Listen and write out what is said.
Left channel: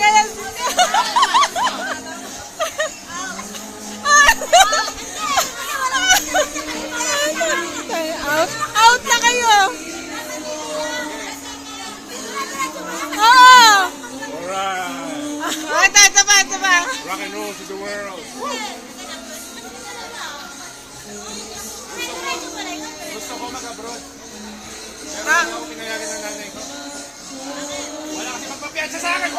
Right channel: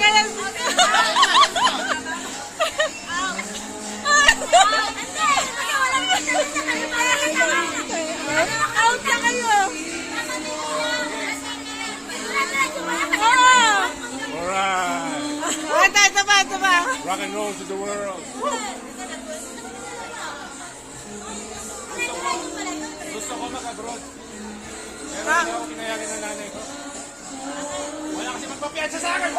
kaya. Out na kayo. Oo. Alright. Ito pa. Rock and roll to the world. Gusto ko mag-abroad. Pero Ah. hindi ako tinayari ng nanay ko. Wala kasi magpapiyansa sa akin.